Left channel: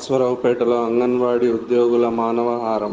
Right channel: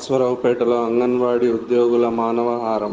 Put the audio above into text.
అశ్వరావుపేటలో అంగన్వాడీ ఉద్యోగుల మానవహారం.